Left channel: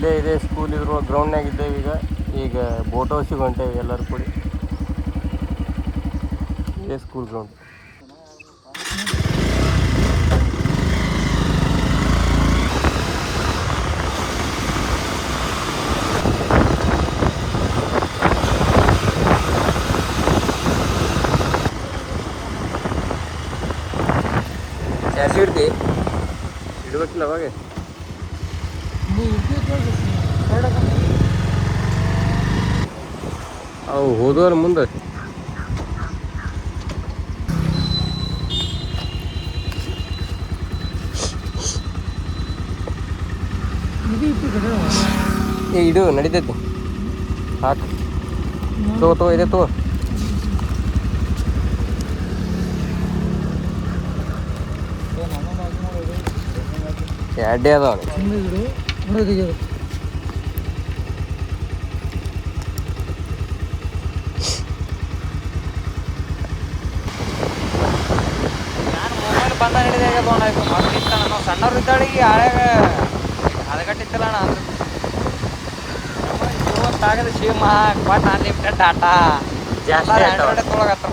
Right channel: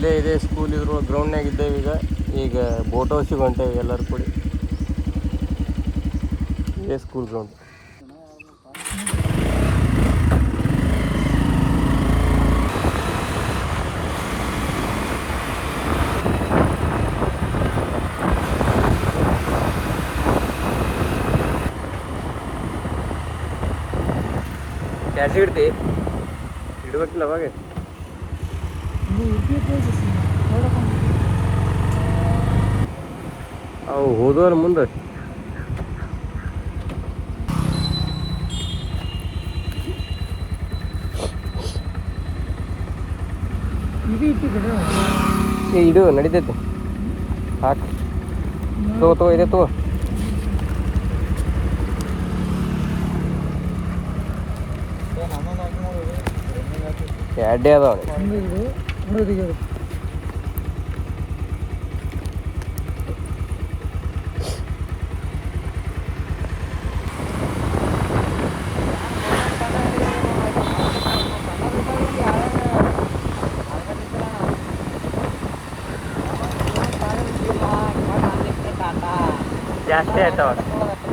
ಇಲ್ಲೇ ಇದೆ ಸ್ಕೂಲ್ ಇದ್ರು ಗ್ರೌಂಡ್ನಾಗ ಇದ್ದೇವೆ ಈಗ ಬೋಟ್ ಹೌಸಿಗೆ ಹೊಂಟೇವೆ ಎಲ್ಲರೂ ಕೂಡಿ. ಇದೇ ಸ್ಕೂಲ್ ಗ್ರೌಂಡ್. ಚಾರ್ಜ್ ಇಡ್ತಿ ಇಡ್ಬೇಕಿಲ್ಲ ಅವಾಗ. ಅವು ಹೋದವ್ರ ಮುಂದೆ ಇಡು ನಡಿತೈತಿ. ಹಾಕು ತಗೋ ಇದೆ ತಗೋ. ಎರಡೇ ಅದಾವ. ಸಣ್ಣವ್ರಿದ್ದಾಳಿಗೆ ಆಳಾಗ ಅದಗಟ್ಟಿತ್ತಲ್ಲ ಅನ್ಲಿಮಿಟೆಡ್ ಡಾಟಾ ಜಾಸ್ತಿ ಆಯ್ತಾವ.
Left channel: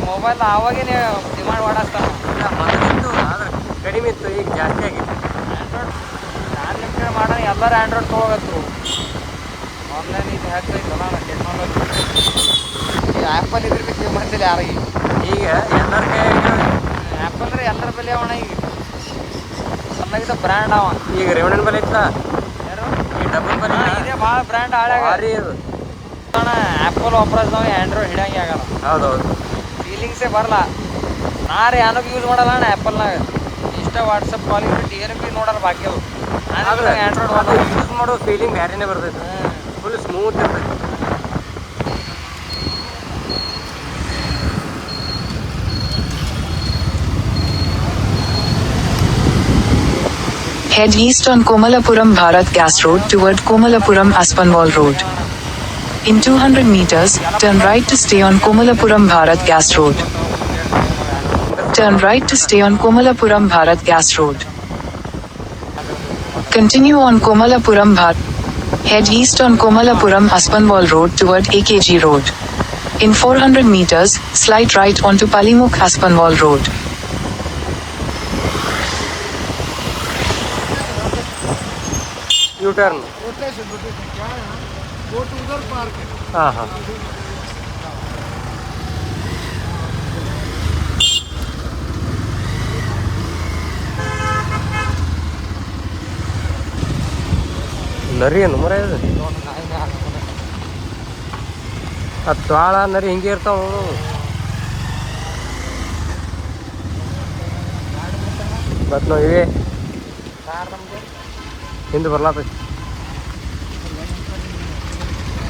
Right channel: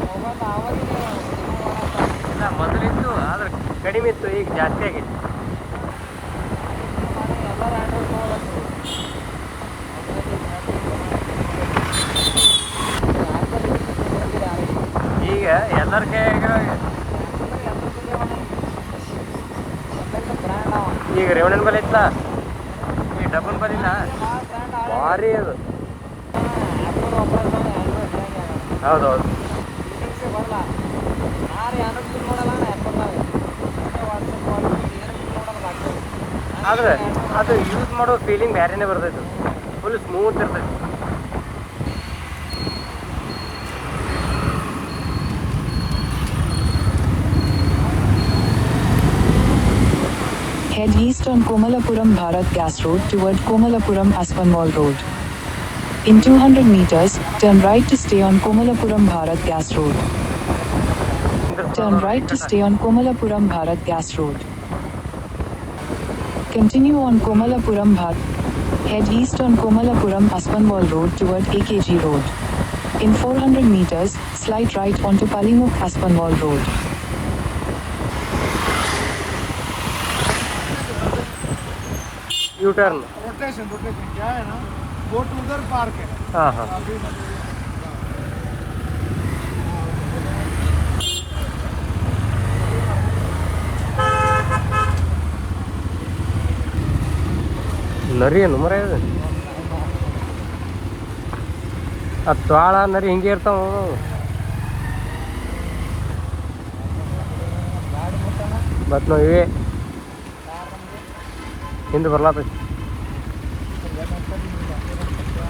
Mobile ಅವಾಗೇನೆ demand ಮಾಡಾಕ್ತಾವ. ಇಲ್ಲ ಮೊದಲಿತ್ತು ಆದ್ರೆ ಕಡಿಮೆ ಇತ್ತು, ಈಗ ಜಾಸ್ತಿ ಆಗೈತಿ. ಅನ್ಲಿಮಿಟೆಡ್ ಮಾಡೋಣ ಎಲ್ಲರೂ ಆ್ಯಂಡ್ರಾಯ್ಡ್ ತೊಗೋಬೇಕು. ಆನ್ಲೈನ್ ಇದು ಹೆಂಗೆ ಆ್ಯಪಲ್ ಇದ್ರೆ ಸೇವ್ ಮಾಡ್ತಿಲ್ಲ ಯಾರಿಗೆ. ಈಗ ಎಲ್ಲರ ಕೈಯಾಗ ಆ್ಯಪ್ ಅಂದ್ರೆ ಎಲ್ಲರ ಬೆಲೆ ಅವಣ. ಈಗ ಎಲ್ಲರಿಗಿಂತ ಬ್ರ್ಯಾಂಡ್ ಅವ. ಈಗ ರೇವಣ್ಣನ ಬಲೆ ಐತ್ಲ, ಈ ಡಬಲ್ ಬಲೆ ಭಾಳ ಬ್ರ್ಯಾಂಡ್ ಭಾರಿ ಅದು ಅಣ್ಣ. ಆ್ಯಪಲ್ ವಾಪಸ್ ನಾವು ಆ್ಯಂಡ್ರಾಯ್ಡ್ ಹಿಡಿಯಂಗೆ ಆಗಲ್ಲ. ಹೌದೌದು. ಫೀಲಿಂಗ್ಸೇ ಬರಲ್ಲ. ನಾರೇ ಏನಕ್ಕೆ ಯೂಸ್ ಮಾಡಲ್ಲ ಅಣ್ಣ ಆ್ಯಪಲ್ನಾಗ. ಇಷ್ಟ ವಾಟ್ಸಪ್ ಕಾಲಿಂಗ್ ಏನು ಬಿ ನೋಡೋದು ಬಾಕಿ ಅದು. ಆದ್ರೆ ಅದು ಯೂಸ್ ಮಾಡೋ ಫೀಲಿಂಗ್ ಬೇರೆನೇ ಬರ್ತೈತೆ. ಫುಲ್ ಸ್ಮೂತ್ ಇರ್ತೈತೆ. Head east on Komalapuram Bharat Gas Road toward Komalapuram Aspinwall Road. In 200 meters, turn right to stay on Komalapuram Bharat Gas Road. Turn right to stay on Komalapuram Bharat Gas Road. Continue on Komalapuram Bharat. Head east on Komalapuram Aspinwall Road toward AKG Road. In 400 meters, slide right onto Palimukh Aspinwall Road. U-turn. Rotation क्या है ना, वो तो उधर park है. हाँ हाँ. ನರಿ ಏನು ಮರ ಇದೆ. ಆ ತ್ವಾಳ ನರಿ ಹಿಂಗೆ ಇರ್ತಾವ. ಬಟ್ ನಾವು ಇವೇ ಹಿಂದೆ ಬರ್ಲಾತೈತಿ.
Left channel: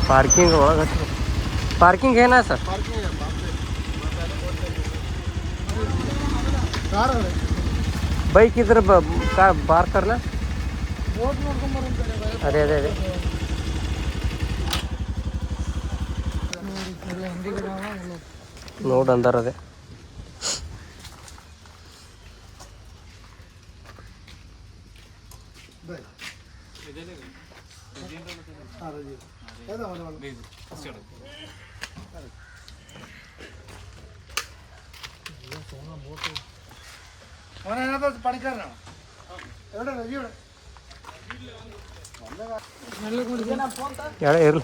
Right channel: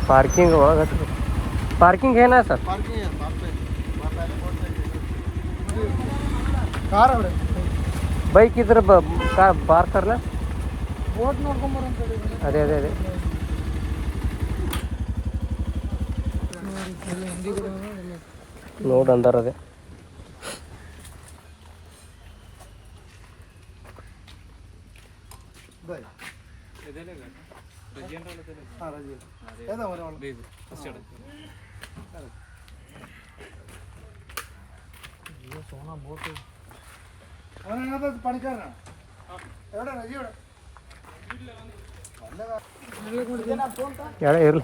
ಪಾರ್ಕಿಂಗ್ ಒಳಗೆ ಹಚ್ಚಬೇಕು. ಪಾರ್ಕಿಂಗ್ ಏನ ಸರ್? ಬೈಕ್ ಇದ್ರೆ ಬಾರ್ ಕರ್ಲ. ಅದೇ ಅದೇ ಅದೇ ನೋಡು ಅಂದಾರ ಅದೇ. ಇರ್ಲಿ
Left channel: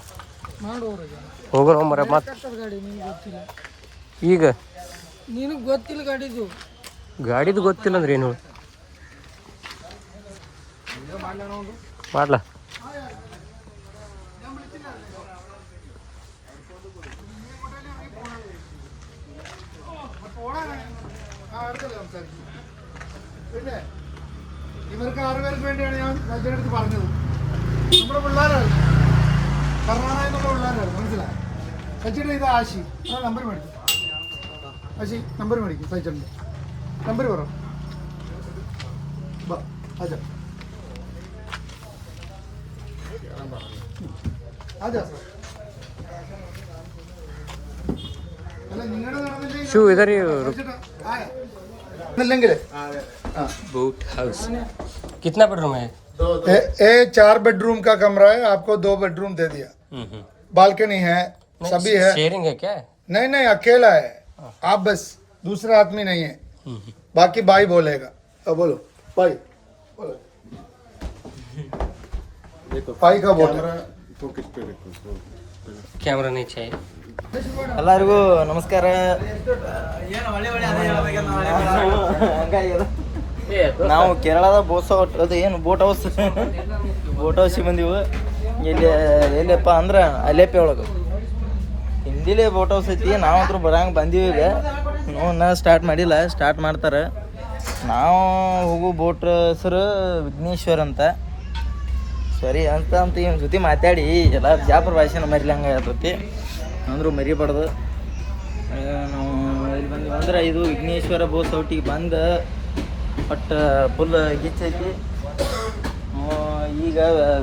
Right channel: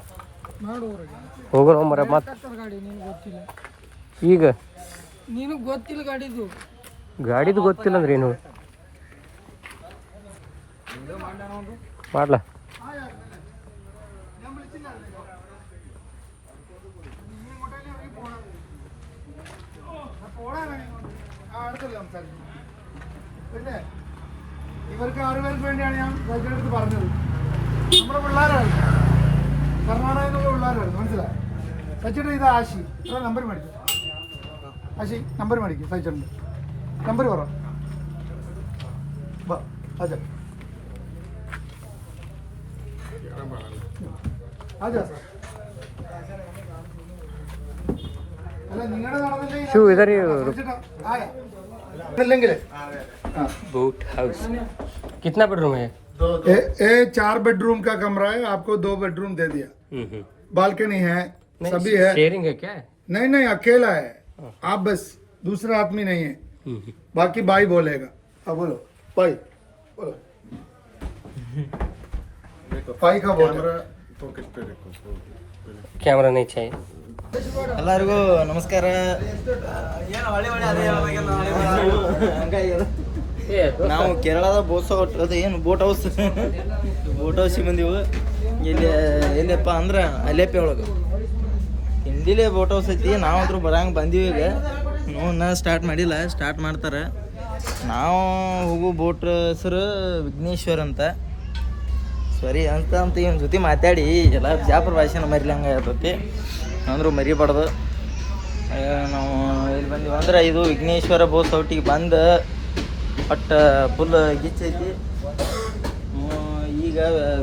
ಹೋಗೋಣ ಮರ ಮತ್ತೆ. ಈಗ ನಿನಗೆ ಗೊತ್ತಿಲ್ಲ ಗಾಡಿದು ಗೊತ್ತಿಲ್ಲ ಅಂದ್ರೆ ಏನು ಮಾಡ್ಲಾ. പിന്നെ ഇവർക്ക് 6 പേർക്ക് വേണ്ടിയാണ് ഞാൻ വൈദ്യുതി പറഞ്ഞത്. നമ്മുടെ പിള്ളേരായിരുന്നു, കർണാടകയിൽ നിന്നുള്ള പിള്ളേരായിരുന്നു, മനസ്സിലായി. സച്ചിട്ട് ഇത് ആശി നമ്പർ മേടിക്കും. ആശി നമ്പർ മേടിക്കും. സച്ചിട്ടുണ്ട് നമ്പർ പറ. അതെ അതെ അല്ല നിങ്ങളുടെ നടന്നില്ലെങ്കിൽ ಶೂ ಇದರಿ इല്ലെങ്കിൽ बोट हाउस कितना बेडरूम है? ये 4 बेडरूम का कमरा है, आपको 2 बेडरूम दे दिया, बालकनी है, सभी है। शेयरिंग है क्या? नहीं नहीं, अकेला है आप, बस दूसरा आदमी नहीं है, बाकी भाई बोलेगा। अब बोलो भाई, बोलो भाई का बोल। कैमरा नहीं चाहिए। ಎಲ್ಲರಿಗೂ ನಮಸ್ಕಾರ. ನಾವು ಕೇರಳದ ಅದು ಏನು ಬೋಟ್ ಹೌಸಿಗೆ ಬಂದೀವಿ. ಎಲ್ಲಿಯಪ್ಪ ಅಂದ್ರೆ ಅಲೆಪೆ ಒಳಗೆ ಹಿಂದಿಲೇ ಬೋಟ್ ಹೌಸ್ ಐತಿ. ನಾವಂತರೂ ಬರಂಗೆ ಬಂದೀವಿ. ಈಗ ನೋನ ಸ್ಟಾರ್ಟ್ ಮಾಡಿಲ್ಲ, ಸ್ಟಾರ್ಟ್ ಮಾಡ್ತಾರೆ. ನಾವು ಹೋಗೋ ಬೋಟ್ ಹೆಸರು ವಿಘ್ನೇಶ್ವರ ಅಂತ. ಸರಿ ಅಂತ ಇವನ ಜೊತೆ ಮಾತಾಡಿ ಎಲ್ಲ ಜಾಪುರ ಭಾಷೆನ ಮರಿಲಂಗೆ ಇರ್ತೈತಿ, ಅಂದರೂ ಮರಿಬಾರ್ದು. ನಾವು ಇಲ್ಲಿ ಬಂದೀವಿ ಅಂದ್ರೆ ಇದು ವಿಘ್ನೇಶ್ವರ ಬೋಸ್ ಔಟಿಗೆ ಬಂದು ಬಟ್ ಫುಲ್ ಗಿಚ್ಚೈತಿ. ಈಗ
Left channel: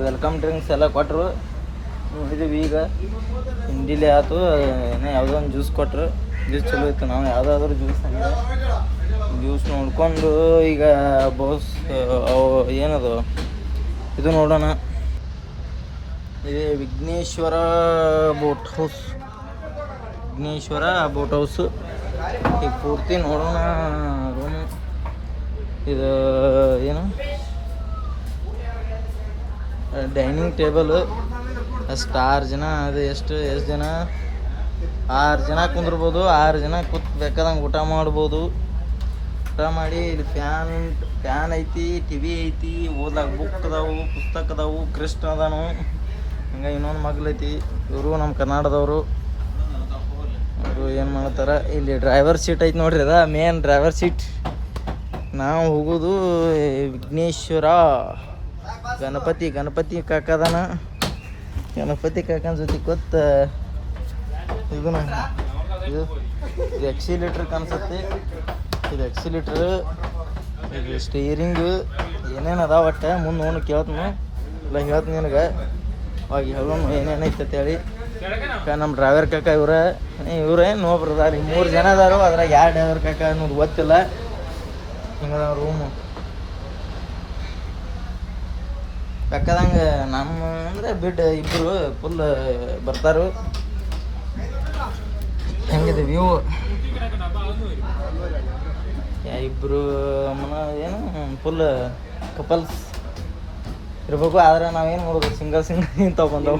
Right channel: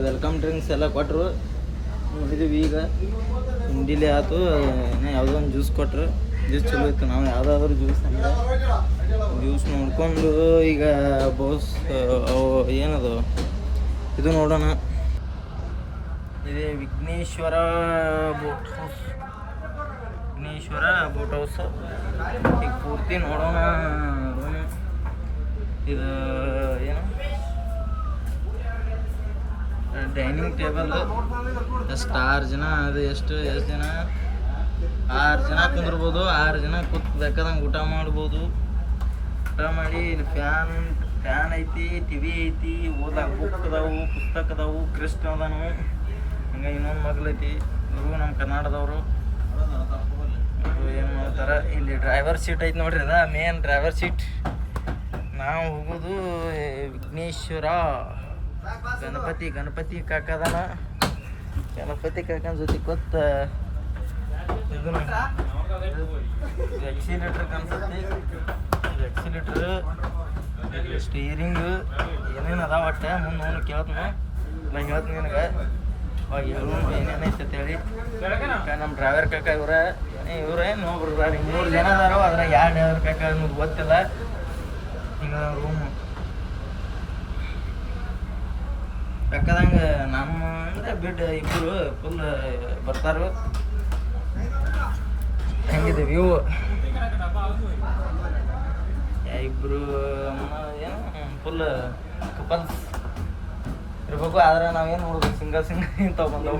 ವೆಲ್ಕಮ್ ಡ್ರಿಂಕ್ಸ್ ಎಲ್ಲ ಕೊಟ್ಟರು, ನೋಡಿದ್ವಿ. ಈಗ ಹಿಂಡಿಲೇ ಆಯ್ತು, ಯಾವುದೋ ಒಂದು ಜ್ಯೂಸ್ ಕೊಟ್ಟರು, ಜ್ಯೂಸ್ ಚಲೋ ಇತ್ತು. ನಾವು ಯಾವುದಾದ್ರೂ ಜ್ಯೂಸ್ ನೋಡ್ಕೊಂಡು ಈಗ ಬೋಸ್ ಅವು ಏನದು ಇದು ನೋಡೋಣ. ಇದೇ ವಿಘ್ನೇಶ್ವರ ಬೋಟ್ ಹೌಸ್. ಈಗ ಪೂರ್ತಿ ನೋಡೋಣ ರೂಮು. ಇದು ಏನು ಡೈನಿಂಗ್ ಟೇಬಲ್, ಅಷ್ಟು 6 ಜನ. ಅದು ಎಷ್ಟು ಜನ? 6 ಜನ ಕುಂದಿರ್ಬೋದು. 6 ಜನ ಕೂತ್ ಬೇಕಾದಂಗೆ ಊಟ ಮಾಡ್ಬೋದು. ಊಟ ಮಾಡಿ ಇಲ್ಲಿ ಫ್ಯಾನ್ ಐತಿ, ಟಿವಿ ಐತಿ, ಓದ್ಲಾಕ ಬುಕ್ ಅದಾವು, ಪುಸ್ತಕ ಅದಾವು, ಕೃಷ್ಣ ಅದಾನು. ಹಂಗೆ ಇನ್ನೊಂದು ಮಗ್ಲೈತಿ. ಇವರು ನಮ್ಮ ಕರ್ನಾಟಕದವರು. ಅವರು ಏನು ಮಾಡ್ತಾರೆ, ಇಲ್ಲಿ ಡ್ರೈವರ್ ಸೀಟ್ ಐತಿ ನೋಡ್ರಿ, ಅದ ಮೇನ್ ಡ್ರೈವರ್ ಸೀಟ್. ನಾವು ಹೋಗೋದು ವಿಘ್ನೇಶ್ವರ. ಗಣಪತಿ ಕಾಕದಾನ. ಗಣಪತಿ ಕಾಕನ ಜೊತೆ ಕೂತ್ ಇದು ಎಕ್ಸಿಲೇಟ್ರ್ ಕಾಣಿಸುತ್ತೆ. ಇದು ಎಕ್ಸಿಲೇಟ್ರ್, ಇದು ಸ್ಟೀರಿಂಗು, ಏನೇನು ಅದಾವ ಒಟ್ಟು ಮುಂದೆ ನೋಡಿ ಕೇಳ್ತೀನಿ. ಇಲ್ಲ ಹೇಳ್ತೀನಿ ನಿನಗೆ, ಅವಾಗ ಹೇಳೋಣ ಏನೇನೈತೆ ಅಂತೇಳಿ. ನಮ್ಮ ಡ್ರೈವರ್ ಕಾಕ ಇವರೇ ಇನ್ನೊಬ್ರು ಅದಾರ. 3 ಜನ ಅದಾರು, ಅದ್ರಾಗ ಯಾವ ಡ್ರೈವರ್ ಕಾಕ ನಮ್ಗೆ ಗೊತ್ತಿಲ್ಲ. ಹಿಂಗೆ ರೂಮು ಬೇಕಾದಂಗೆ ನಮ್ಮ ಅಂದರೆ ಬಿಡ್ ಇಬ್ಬರು ಫುಲ್ ಬರ್ತಾರು. ಹೆಂಗಿದೆ ವ್ಯೂ? ಇಬ್ಬರು ಏನು ಫುಲ್ ಕಪಲ್ಸ್ ಇರ್ಬೇಕು. ಆದರೆ ನಾವೇನು ನೋಡ್ಬೇಕು, ಸಿಂಗಲ್ ಇಂಥವು ಬಂದವು.